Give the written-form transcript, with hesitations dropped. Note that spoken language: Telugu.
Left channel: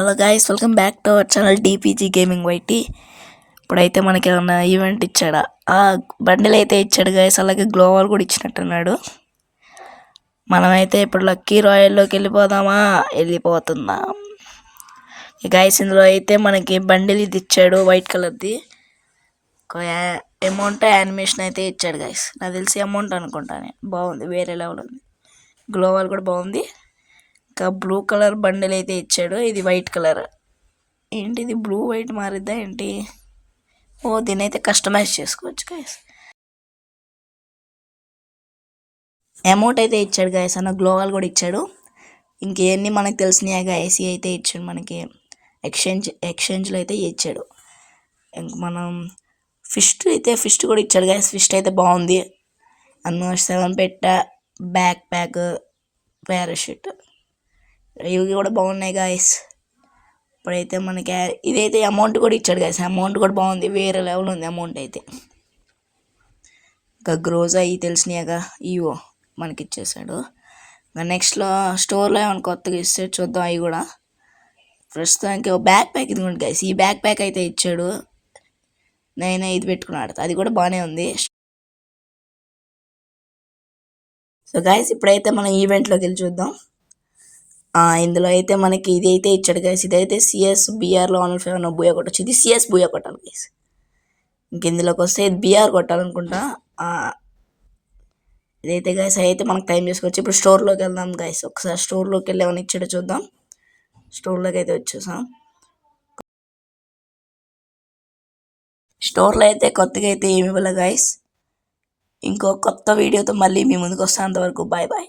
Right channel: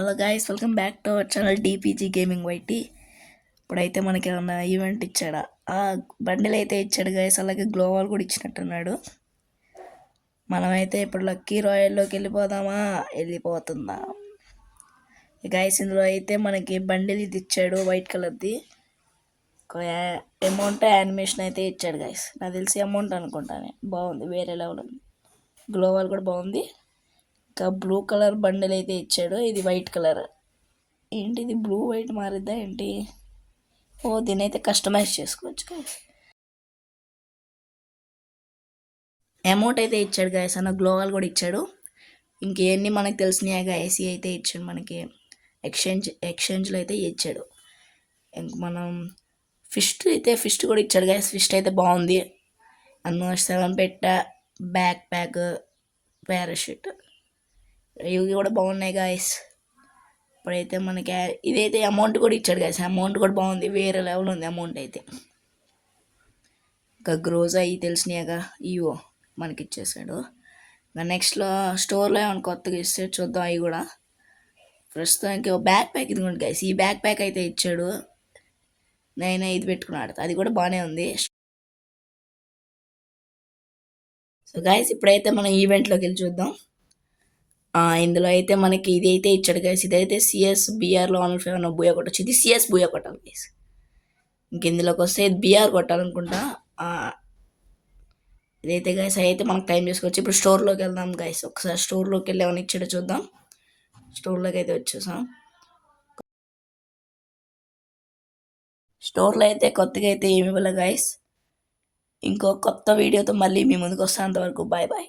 Hello guys, welcome back to our channel DPG gaming YT. ఇప్పుడైతే మనకి ఏమన్నా ఈవెంట్ ఇచ్చాడా? బండిల్ అయితే ఇచ్చాడు గాయస్, అలాగే గ్లోవల్ కూడా ఇచ్చినట్టున్నాడు. మనమైతే ఇప్పుడు లక్కీ రాయల్లోకి వెళ్ళిపోతున్నాం. గాయస్, ఇందులో అయితే మనకి బండిల్ ఇది ఇచ్చాడు, వైట్ కలర్ది. అమౌంట్ యానిమేషన్ అయితే ఇచ్చాడు గాయస్. నాకు తెలిసి అమౌంట్ అనుకుంటాను. బాగుంది, వేరే లెవెల్ ఉంది. గ్లోవల్ కూడా బాగుంది. ఇంకా బ్లూ కలర్ బండిల్ అయితే ఇచ్చాడు. ఇది వైట్ కలర్. ఏంటి ఇది బ్లూ వైట్ మారిద్దా ఏంటి? దీన్ని అయితే కస్టమైజ్ చేసుకోవచ్చు గాయస్. అమౌంట్ అయితే ఇచ్చాడు గాయస్, అన్న గ్లోవల్ కూడా ఇచ్చాడు. ఇంకేన్ని మనకు తెలిసినాయి గాయస్ అయితే ఇచ్చాడు. మనకి ఎక్స్చేంజ్లో అయితే ఇచ్చాడు. ఇంక మనం ఫిస్ట్ కూడా ఇచ్చాడు గాయస్. ఫిస్ట్ అయితే బాగుంది. అన్న 7 పెట్ట బ్యాక్ ప్యాక్ పారాషూట్ ఇవి కూడా బాగున్నాయి గాయస్. ఇప్పుడైతే మనకి ఇదైతే అమౌంట్ కూడా ఇచ్చాడు గాయస్. అమౌంట్ కూడా బాగుంది, వేరే లెవెల్ ఉంది అమౌంట్ అయితే. ఇంకా గ్రోజ్ అవి తెలిసినాయిగా, ఇవో మనకి ఇచ్చేసాడు. ఇంకా నెక్స్ట్లో స్టోర్లో ఏమైనా కొత్తగా ఇస్తే చూద్దాం. అవి కూడా ప్రస్తుతానికి బ్యాక్ ప్యాక్ ఇది ఉంది గాయస్. ఈ బ్యాక్ ప్యాక్ అయితే ఇచ్చాడు. నేను ఇది పెట్టుకున్నాడు, అది కూడా బాగానే ఉంది. సో గాయస్, ఇప్పుడైతే మనం ఈవెంట్లోకి వెళ్ళి చూద్దాం. ఇందులో అయితే మనకి ఇది అయితే ఇచ్చాడు గైస్. ఇదైతే సిఎస్ బీఆర్లో 105 బూయా కొట్టచ్చు. ఇది సిఎస్ బూయా కొట్టాలి గైస్. ఇంక ఇందులోకి వస్తే ఇది బీఆర్ కొట్టాలనుకుంటా. ఇదైతే గైస్ అయితే మనకు టైం చేసుకోవచ్చు. ఇప్పుడు స్టోర్లోకి వెళ్దాం గైస్. ఒకసారి స్టోర్లోకి వెళ్ళి ఏమైనా ఇచ్చాడో చూద్దాం. స్టోర్లోకి అయితే వచ్చేసాం. స్టోర్లో అయితే కొత్తగా అయితే ఏమి ఇవ్వలే గైస్. ఇంకో కొత్త వీడియోతో మళ్ళీ మీ ముందుకు వస్తాను. అంతవరకు బాయ్ బాయ్.